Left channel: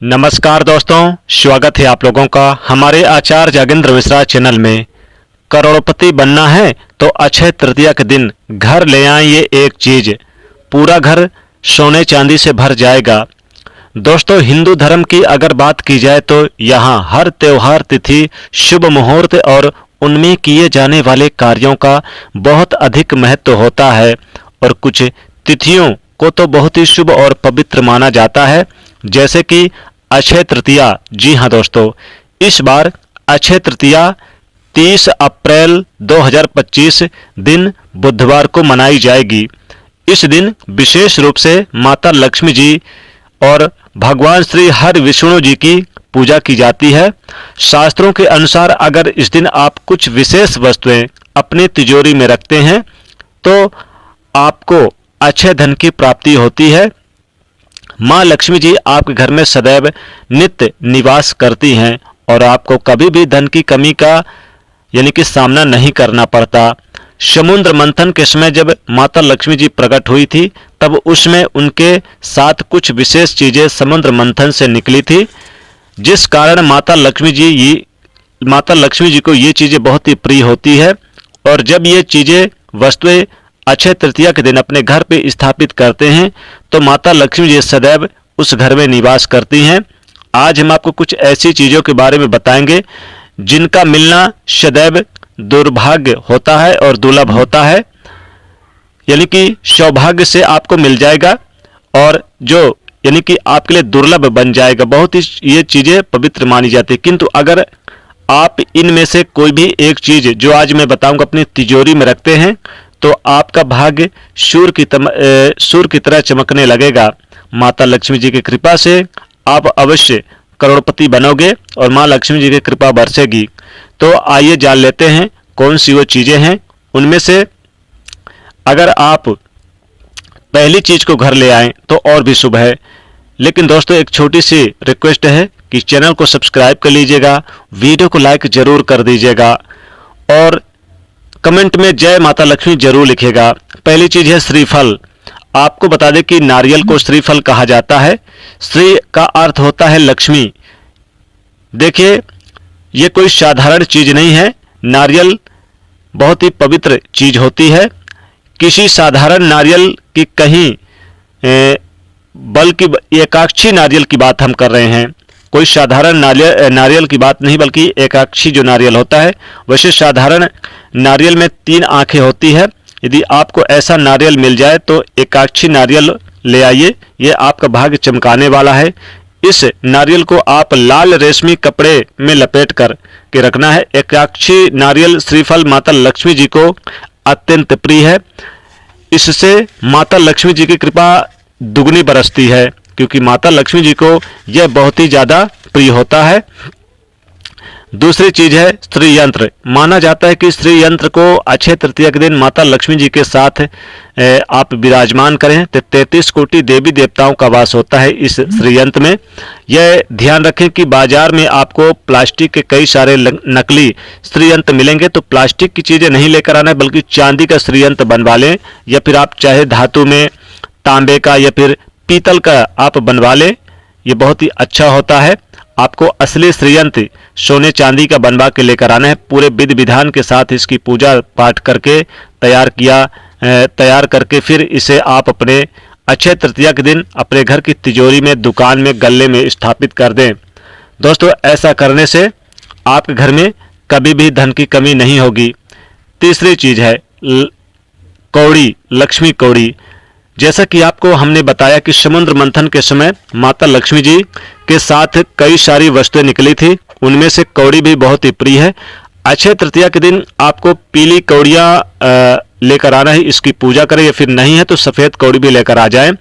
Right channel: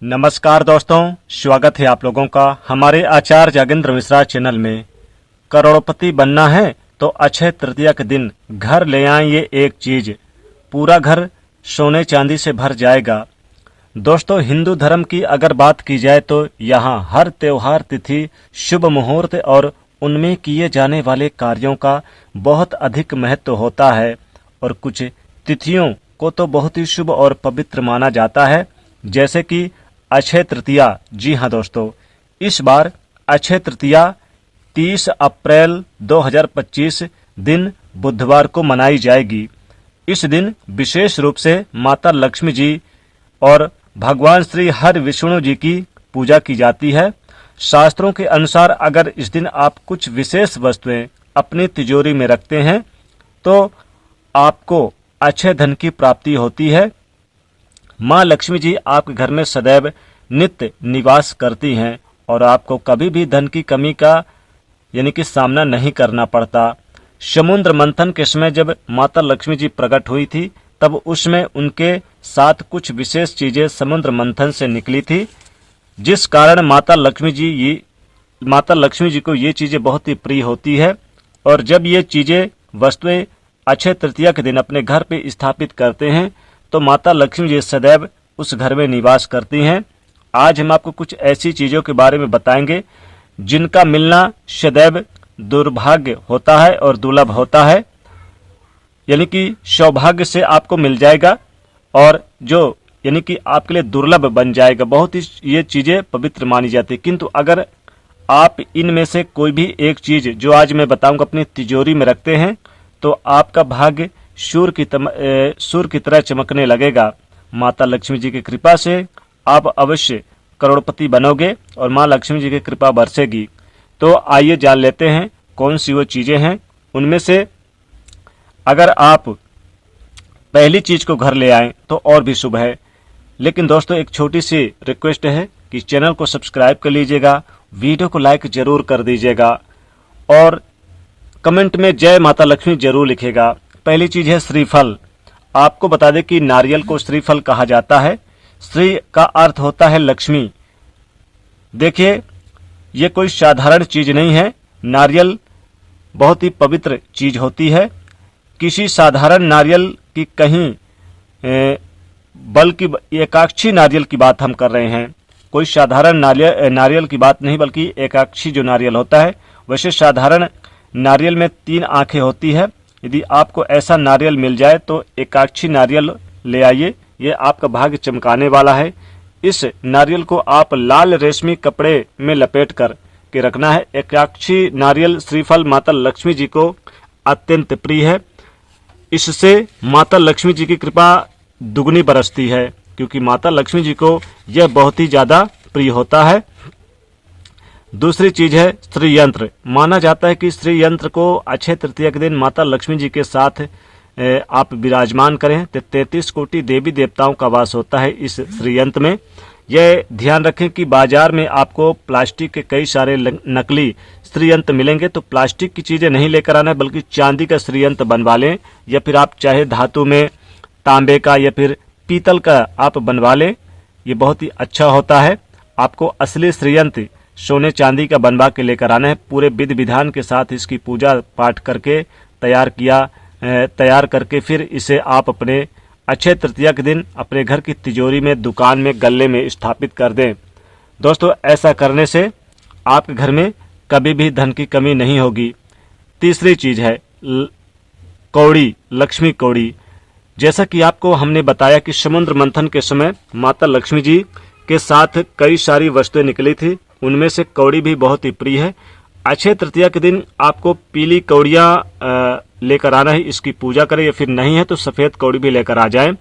नमस्कार दोस्तों, स्वागत है आप लोगों का हमारे आचार्य जागेंद्र मिश्रा चैनल में। करोड़पति बनना है तो अक्षय तृतीया के दिन घर ले आएं ये एक चीज, पूरा घर सोने चांदी से भर जाएगा। दोस्तों, हिंदू धर्म की अगर बात की जाए तो यहाँ हर त्योहार, तिथि, शुभ मुहूर्त और उनमें किए जाने वाले कार्यों का बहुत अधिक महत्व होता है और कुछ तिथियों को तो बहुत ही शुभ और पवित्र माना जाता है, जैसे कि अक्षय तृतीया। जी हाँ दोस्तों, इस बार अक्षय तृतीया 30 अप्रैल 2025 दिन बुधवार को मनाई जाएगी। इस दिन विशेष रूप से माता लक्ष्मी जी और भगवान श्री हरि विष्णु जी की पूजा की जाती है। शास्त्रों के अनुसार अगर इस दिन आप कुछ विशेष वस्तुएं अपनी तिजोरी में रखते हैं तो आपको अक्षय धन की प्राप्ति होती है। माँ लक्ष्मी जी आपके घर में सदैव नित्य निवास करती हैं और आपको कभी भी धन की कमी का यानी कि सामना नहीं करना पड़ता। समुद्र मंथन के समय जब माता लक्ष्मी जी प्रकट हुई थी तब उसमें उनके साथ कुछ विशेष चीजें समुद्र मंथन से निकली थी, जिस कारण माता लक्ष्मी जी को ये चीजें बहुत ही प्रिय होती है। और जब ये चीजें वस्तुएं अक्षय तृतीया के दिन अपने घर पे स्थापित करते हैं तो माता लक्ष्मी जी सदैव उस घर में निवास करती हैं। आज हम आपको कुछ ऐसी चीजों के बारे में बताएंगे जिनका मिलना सदैव दुर्भाग्य होता है और दुर्लभ होता है, यानी कि सौभाग्य से आपको मिल जाएगा और जो यानी कि आपके लिए दुर्लभ बन जाएगा। बहुत ही ये चीजें पवित्र मानी जाती है, किंतु अगर आप इनमें से कोई भी एक चीज जो आज मैं बताऊंगा अपनी तिजोरी में रखते हैं तो आपका भाग्य सूर्य की तरह चमकने लगेगा। माता लक्ष्मी जी की कृपा से आप अवश्य करोड़पति बनोगे और माँ लक्ष्मी जी की कृपा बरसेगी। तो आइए जान लेते हैं कौन सी वो चीजें हैं। उनमें से अगर आप पहली चीज को घर ले आएं तो और भी शुभ है। लेकिन दोस्तों, एक छोटी सी रिक्वेस्ट है कि चैनल को सब्सक्राइब कर लीजिएगा, वीडियो को लाइक जरूर कर दीजिएगा और कमेंट में जय माता लक्ष्मी जरूर लिखेगा। पहली चीज है श्रीफल। आपको बता दें कि नारियल को श्रीफल कहा जाता है। श्री का अर्थ होता है लक्ष्मी। देखिए, ये कोई साधारण चीज नहीं है। नारियल बहुत ही पवित्र चीज होती है। किसी साधारण नारियल की कहीं बल्कि एकाक्षी नारियल की बात हम कर रहे हैं। कोई साधारण नारियल की बात नहीं, बल्कि एकाक्षी जो नारियल होता है। वैसे साधारण नारियल में 3 आंखें होती है। यदि आपको ऐसा नारियल मिल जाए तो एकाक्षी नारियल ले आइए, ये आपका भाग्य चमकाने वाला है। इस नारियल को आप लाल रेशमी कपड़े में लपेट कर के रखना है। एकाक्षी नारियल श्रीफल माता लक्ष्मी जी को अत्यंत प्रिय है। इससे माता लक्ष्मी जी की कृपा दुगनी बरसती है, क्योंकि माता लक्ष्मी जी को यह बहुत ही ज्यादा प्रिय होता है। दूसरी चीज है स्त्री यंत्र। माना जाता है कि स्त्री यंत्र को अक्षय तृतीया के दिन माता लक्ष्मी जी के साथ आप विराजमान करें तो 33 कोटि देवी देवताओं का वास होता है इस स्त्री यंत्र में। यह ध्यान रखें कि बाजार में आपको प्लास्टिक के कई सारे नकली स्त्री यंत्र मिलेंगे, तो प्लास्टिक की चीजें नहीं लेकर आना है, बल्कि चांदी का स्त्री यंत्र बनवा लें, या फिर आप चाहे धातु में तांबे का या फिर पीतल का आप बनवा लें। ये बहुत ही अच्छा होता है। आपको असली श्रीयंत्र सोने चांदी का बनवा के लेकर आना है। पूरे विधि विधान के साथ इसकी पूजा पाठ करके तैयार करके फिर इसे आप अपने अक्षय तृतीया के दिन अपने घर की तिजोरी में, दुकान में, गल्ले में स्थापित कर दें। दोस्तों, ऐसा करने से आपके घर में कभी भी धन की कमी नहीं होगी। तीसरी चीज है कौड़ी, लक्ष्मी कौड़ी। जैसा कि आपको हमने बताया कि समुद्र मंथन के समय माता लक्ष्मी जी के साथ कई सारी वस्तुएं निकली थी, उनमें से कौड़ी भी बहुत ही प्रिय है। अक्षय तृतीया के दिन आपको पीली कौड़ियाँ लेकर आना है, इसकी पूजा करें, या फिर नहीं है तो सफ़ेद कौड़ी भी लेकर आ जाएं।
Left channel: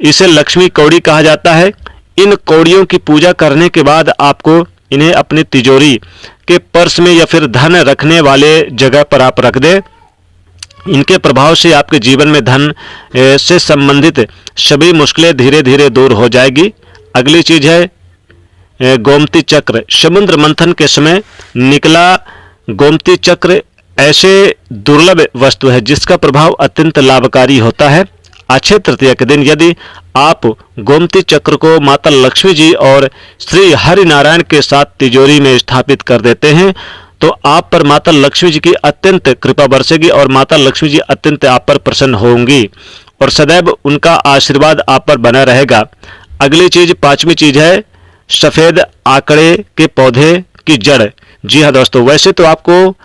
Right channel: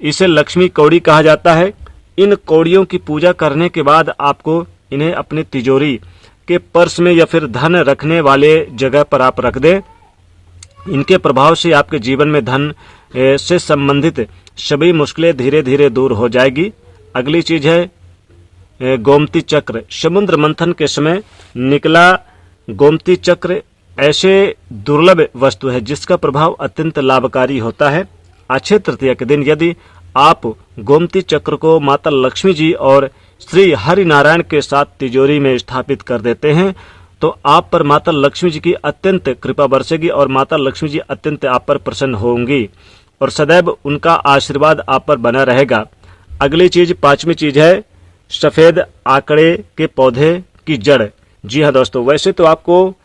इसे लक्ष्मी कौड़ी कहा जाता है। इन कौड़ियों की पूजा करने के बाद आपको इन्हें अपनी तिजोरी के पर्स में या फिर धन रखने वाले जगह पर आप रख दें। इनके प्रभाव से आपके जीवन में धन से संबंधित सभी मुश्किलें धीरे धीरे दूर हो जाएगी। अगली चीज है गोमती चक्र। समुद्र मंथन के समय निकला गोमती चक्र ऐसे दुर्लभ वस्तु है जिसका प्रभाव अत्यंत लाभकारी होता है। अक्षय तृतीया के दिन यदि आप गोमती चक्र को माता लक्ष्मी जी और श्री हरि नारायण के साथ तिजोरी में स्थापित कर देते हैं तो आप पर माता लक्ष्मी जी की अत्यंत कृपा बरसेगी और माता लक्ष्मी जी अत्यंत आप पर प्रसन्न होंगी और सदैव उनका आशीर्वाद आप पर बना रहेगा। अगली चीज, पांचवी चीज है सफेद आकड़े के पौधे की जड़। जी हाँ दोस्तों, वैसे तो आपको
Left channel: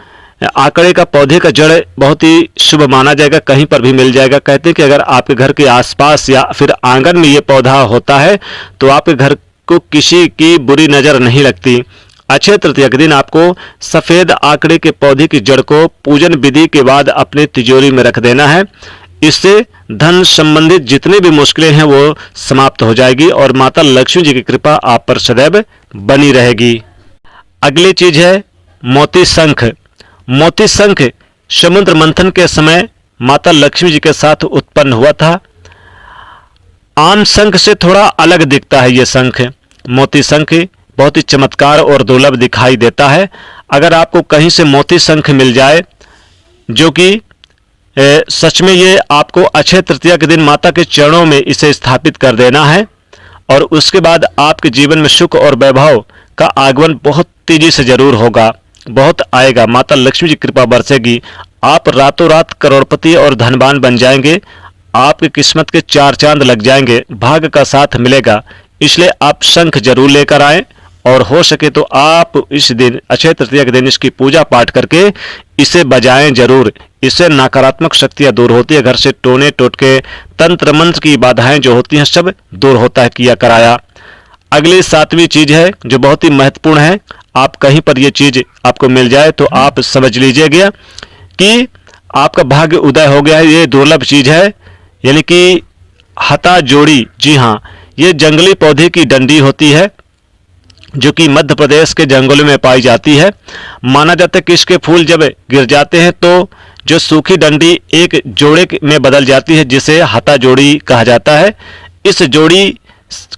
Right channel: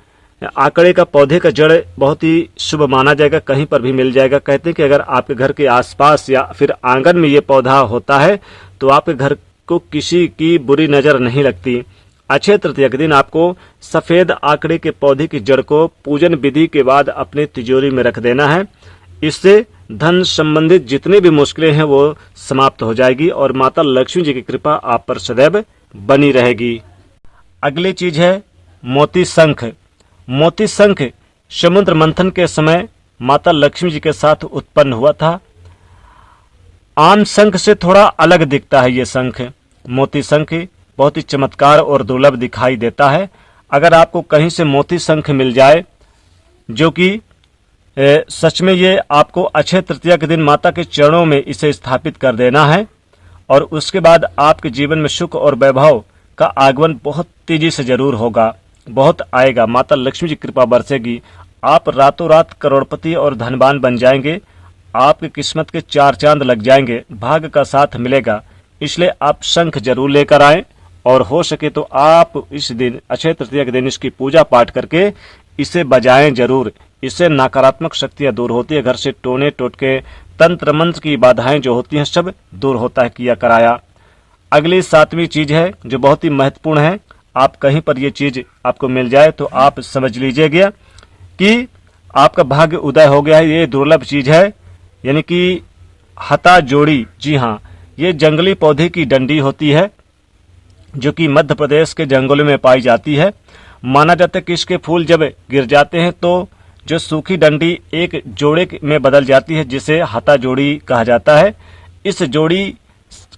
आकड़े का पौधे का जड़ बहुत ही शुभ माना जाएगा, कहीं पर भी मिल जाएगा। कहते हैं कि अगर आपके घर के आसपास या फिर आंगन में ये पौधा होता है तो आपके घर को किसी की बुरी नजर नहीं लगती। अक्षय तृतीया के दिन आपको सफेद आकड़े के पौधे की जड़ को पूजन विधि के बाद अपने तिजोरी में रख देना है। इससे धन संबंधित जितनी भी मुश्किलें हैं वो समाप्त हो जाएगी और माता लक्ष्मी जी की कृपा आप पर सदैव बनी रहेगी। अगली चीज है मोती शंख। मोती शंख समुद्र मंथन के समय माता लक्ष्मी जी के साथ उत्पन्न हुआ था। आम शंख से थोड़ा अलग दिखता है ये शंख। मोती शंख बहुत ही चमत्कार और दुर्लभ दिखाई देता है। अगर आपको कहीं से मोती शंख मिल जाए जो कि सच में ये आपको अक्षय तृतीया के दिन माता के चरणों में इसे स्थापित कर देना है और उसके बाद आपके जीवन में सुख और वैभव का आगमन बहुत तेजी से जरूर होगा, बहुत आएगा। माता लक्ष्मी जी कृपा बरसेगी, आप रातों रात करोड़पति और धनवान बन जाएंगे। आपकी किस्मत के चार चांद लग जाएंगे, भाग्य का साथ मिलेगा। इसलिए आप शंख जरूर लेकर आएं और हो सके तो आप इस दिन अक्षय तृतीया के दिन इसकी पूजा पाठ करके इसे बजाएं जरूर। इससे नकारात्मक शक्तियां दूर होती है, घर से टोने टोटके तंत्र मंत्र की बाधाएं जो होती हैं सब दूर होता है किया कराया। अगली सातवीं चीज है जो बहुत ही महत्वपूर्ण है। आप कहीं पर ये चीज आपको मिल जाए तो आप समझ लीजिएगा कि आपका भाग्य उदय हो गया है। ये दुर्लभ चीज है, यानी कि हता जोड़ी। जी हाँ, ये जंगली पौधे की डंडी होती है जो कि मध्य प्रदेश के जंगलों में पाई जाती है। माना जाता है कि इसके फूल जब गिर जाते हैं तो जो सूखी डंडी एक जोड़े में बदल जाती है जिसे हता जोड़ी कहा जाता है। इस जोड़ी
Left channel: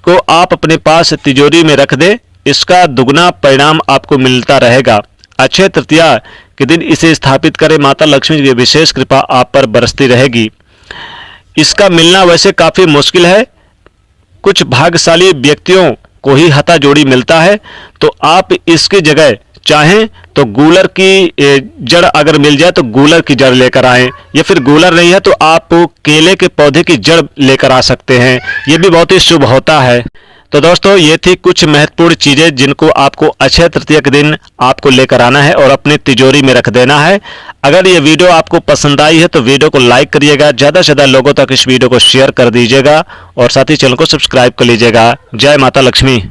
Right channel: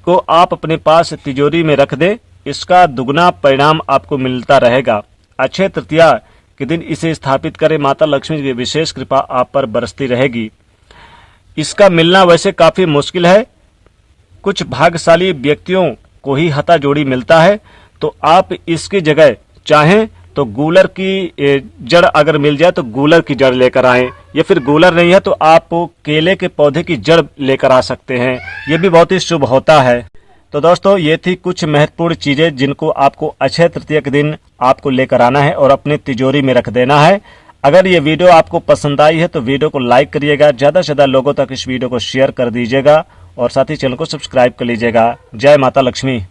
को आप अपने पास तिजोरी में रख दें, इसका दुगना परिणाम आपको मिलता रहेगा। अक्षय तृतीया के दिन इसे स्थापित करें, माता लक्ष्मी की विशेष कृपा आप पर बरसती रहेगी। इसका मिलना वैसे काफी मुश्किल है, कुछ भाग्यशाली व्यक्तियों को ही हता जोड़ी मिलता है। तो आप इसकी जगह चाहें तो गूलर की जड़ अगर मिल जाए तो गूलर की जड़ लेकर आएं, या फिर गूलर नहीं है तो आप केले के पौधे की जड़ लेकर आ सकते हैं, ये भी बहुत ही शुभ होता है। तो दोस्तों ये थी कुछ महत्वपूर्ण चीजें जिनको आपको अक्षय तृतीया के दिन आपको लेकर आना है और अपने तिजोरी में रख देना है। अगर ये वीडियो आपको पसंद आई है तो वीडियो को लाइक करिएगा, ज़्यादा से ज़्यादा लोगों तक इस वीडियो को शेयर कर दीजिएगा और साथ ही चैनल को सब्सक्राइब कर लीजिएगा। जय माता लक्ष्मी।